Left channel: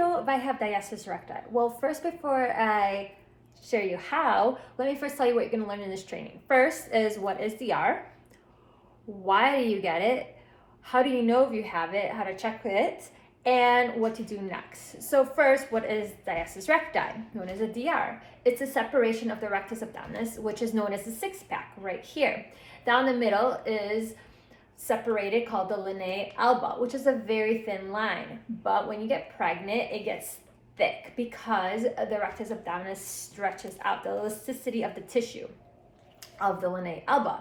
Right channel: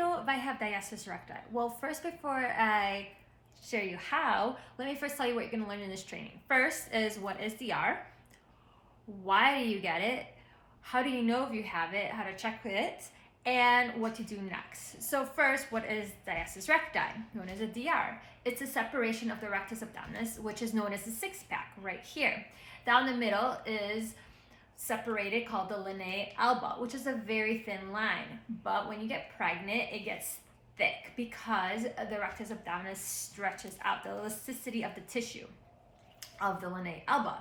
know if I have diastasis recti? Well, first, before I share you how, let me first tell you what you're going to learn in this training. First is what is DR, why do you get it, how do you know if you have it, how to check it, and what to do next. So first, what is diastasis recti, known as a DR? It's a separation of the rectus abdominis, which is known as the six-pack right here. Down the middle is separated, called the linea alba, which is a very thin line. But when you get pregnant, it gets thick because the rectus abdominis stretches out the elasticity of the tissue of the linea alba.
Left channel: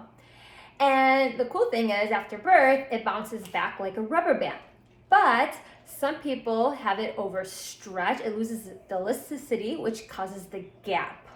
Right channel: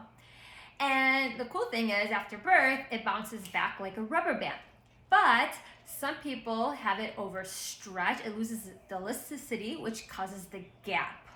And the cool thing is, after birth, it bounces back like a rubber band. But some people have it overstretched. It loses the elasticity, which causes the gap.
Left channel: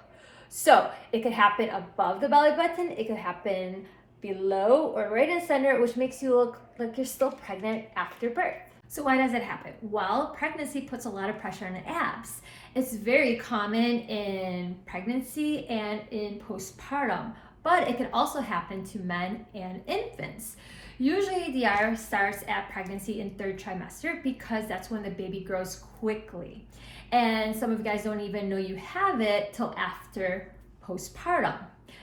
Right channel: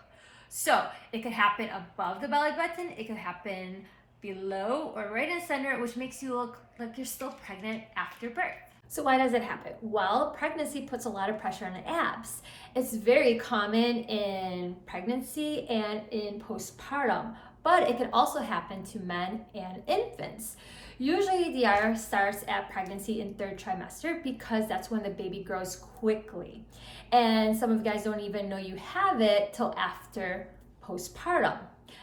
So it could happen above the belly button. It could happen below or right in the center, which makes you look like you're still pregnant after birth. So why does it happen? Well, pregnancy puts a lot of pressure on the abs. It's very common in pregnancy and in postpartum, but it can also happen to men and infants. Usually DR starts at pregnancy in third trimester because that's when the baby grows quickly. And some of you guys don't even know you have it till after postpartum.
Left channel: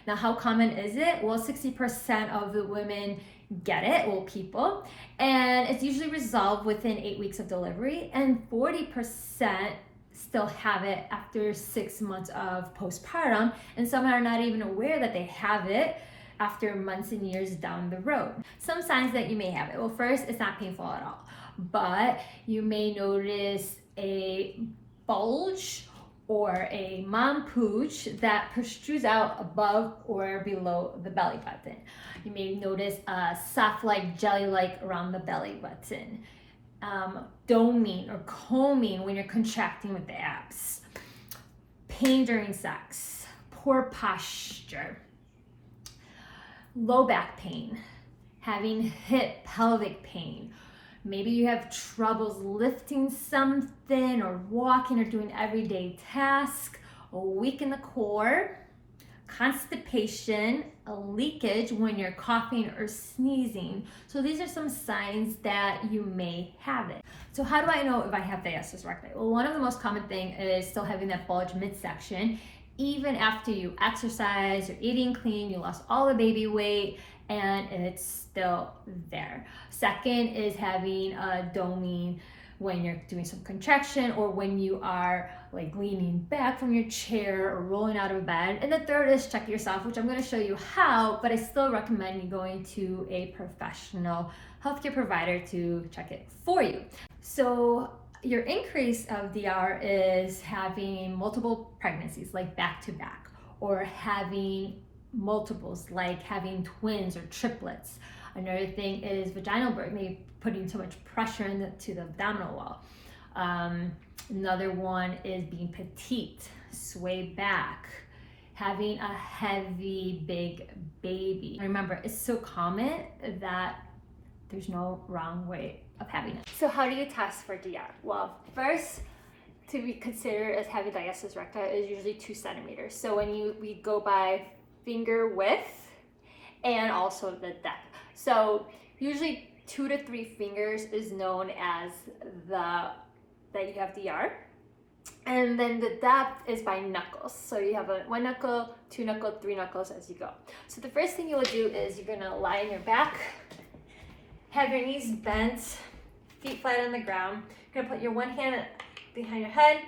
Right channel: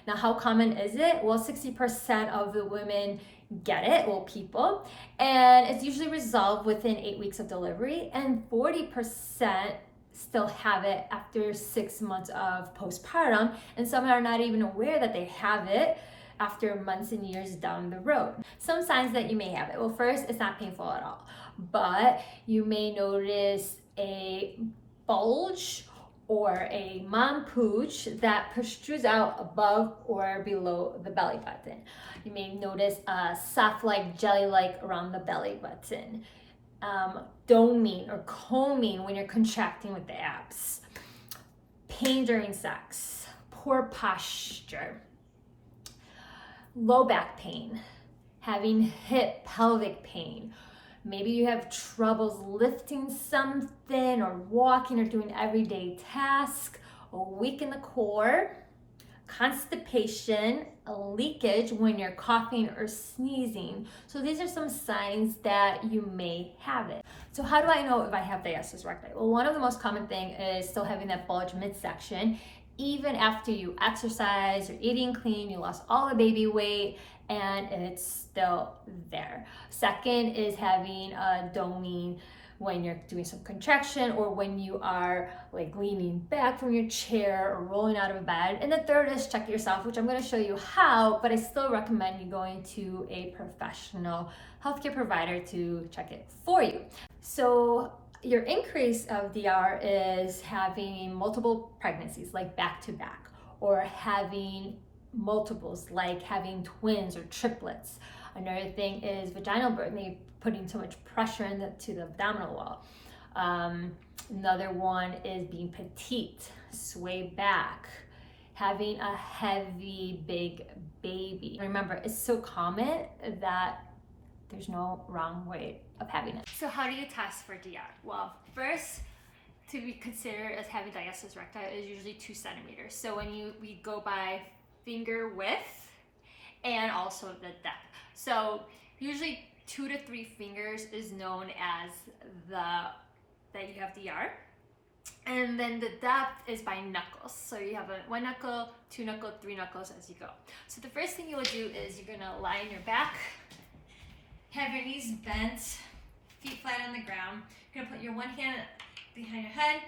Now, how common is it? Well, 60% of the women get it, well, people, and it's usually resolved within 8 weeks of delivery, and 40% still have it after 6 months of postpartum, and some are not even aware that they have it after months and years down the road. Some signs that you may have it. Well, first, it's not painful at all, but you may notice a bulge or a mom pooch that protrudes out above or below the belly button. You may notice a soft-like, jelly-like around the belly button. Doming or combing when you're contracting with the abs. Pain during sex. Poor posture. Low back pain. Having hip pelvic pain. Maybe you have troubles lifting something or walking or doing everyday tasks, a weak in the core, constipation, a leakage when you're coughing or sneezing. So these are some signs that you may have it. So how do I know if I have diastasis recti? Well, one of the most common thing is still having that bulge midsection. Even after you exercise, you're eating clean, you lost all the baby weight, and it's still there. Second is having a doming when you're doing some contraction or when you are like leaning back from your chair or rolling out of bed. And the third is check yourself, which I'm going to show you how, but I still recommend you going to a professional healthcare provider to check it for you. So your increase of DR is having multiple pregnancies, like back to back, or having multiples, like having twins or triplets. Another thing is vaginal birth, maybe putting too much pressure to the abdominal wall. Another one is being petite, sway back, having a heavy, big baby. Remember, it's so common that there's no wrong way of having it. So how do you test for DR? Well, first, to be considered as having diastasis recti is usually 2 centimeters. So when we go by finger width and also the depth. So usually 2 to 3 fingers is known as that you have DR. And then the depth is by knuckles. So you have 1 knuckle, 2 knuckle, 3 knuckles as you go. So the first thing you will do is you're gonna lie on your back, have your knees bent, feet flat on the ground. You're gonna put your one hand behind your head,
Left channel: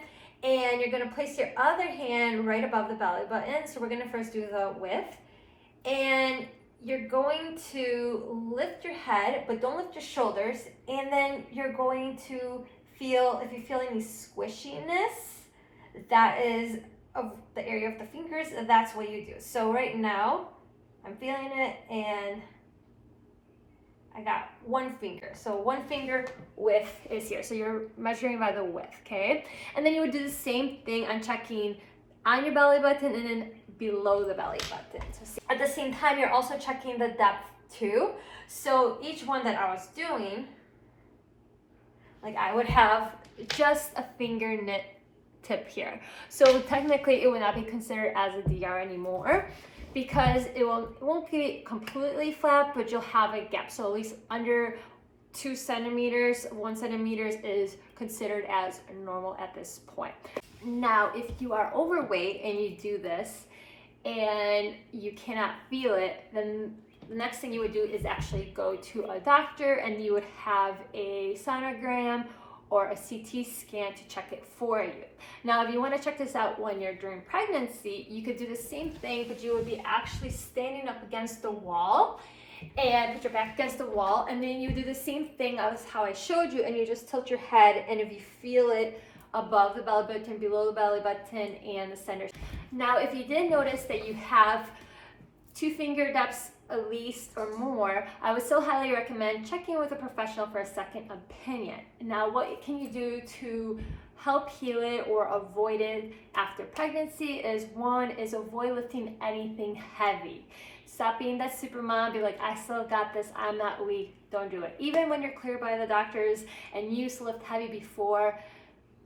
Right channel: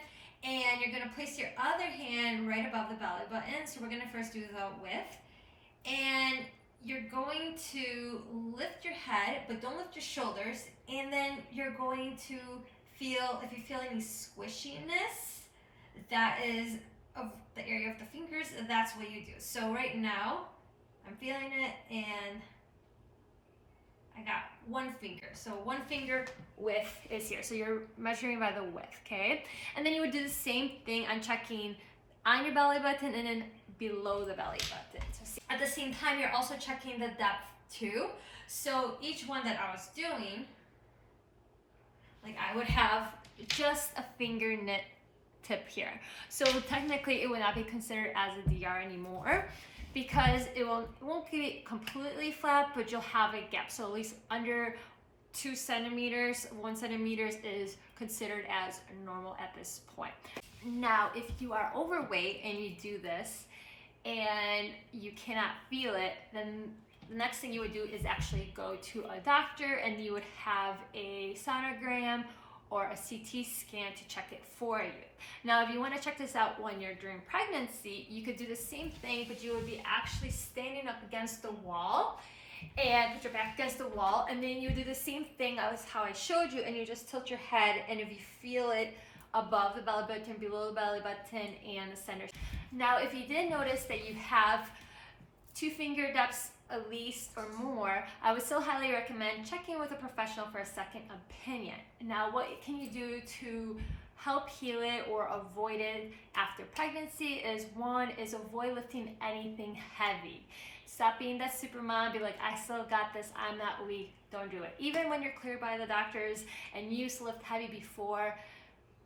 and you're gonna place your other hand right above the belly button. So we're gonna first do the width, and you're going to lift your head, but don't lift your shoulders. And then you're going to feel, if you feel any squishiness, that is of the area of the fingers, that's what you do. So right now, I'm feeling it, and I got 1 finger. So 1 finger width is here. So you're measuring by the width, okay? And then you would do the same thing on checking on your belly button and then below the belly button. So at the same time, you're also checking the depth too. So each one that I was doing, like I would have just a fingertip tip here. So technically it would not be considered as a DR anymore, because it won't be completely flat, but you'll have a gap. So at least under 2 centimeters, 1 centimeter is considered as normal at this point. Now, if you are overweight and you do this and you cannot feel it, then the next thing you would do is actually go to a doctor, and you would have a sonogram or a CT scan to check it for you. Now, if you want to check this out when you're during pregnancy, you could do the same thing, but you would be actually standing up against the wall and put your back against the wall, and then you do the same thing as how I showed you, and you just tilt your head, and if you feel it above the belly button, below the belly button, and the center. Now, if you did notice that you have 2 finger depths at least or more, I would still highly recommend checking with a professional for a second opinion. Now, what can you do to help heal it or avoid it after pregnancy is, one is avoid lifting anything heavy. Stop being that super mom, be like, I still got this, I'm not weak. Don't do it. Even when you're cleared by the doctors and you used to lift heavy before,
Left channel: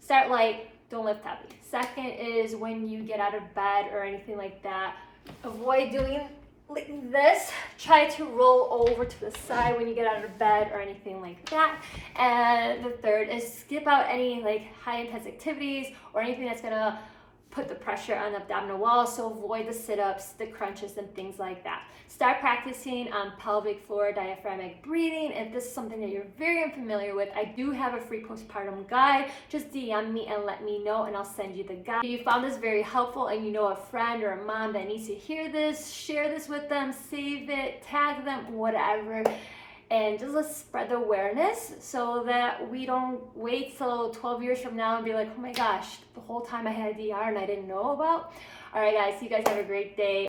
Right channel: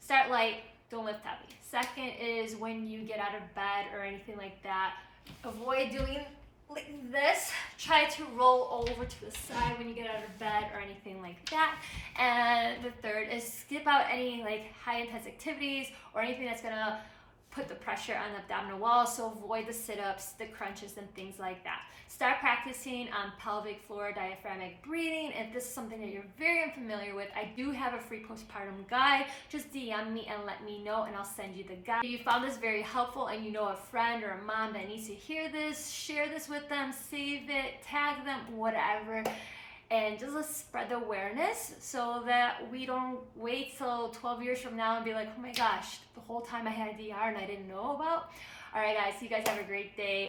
start light, don't lift heavy. Second is when you get out of bed or anything like that, avoid doing like this. Try to roll over to the side when you get out of bed or anything like that. And the third is skip out any like high intense activities or anything that's gonna put the pressure on the abdominal wall. So avoid the sit-ups, the crunches, and things like that. Start practicing on pelvic floor diaphragmatic breathing. If this is something that you're very unfamiliar with, I do have a free postpartum guide. Just DM me and let me know, and I'll send you the guide. If you found this very helpful and you know a friend or a mom that needs to hear this, share this with them, save it, tag them, whatever. And just let's spread the awareness so that we don't wait till 12 years from now and be like, oh my gosh, the whole time I had a DR and I didn't know about. All right, guys, you guys have a great day.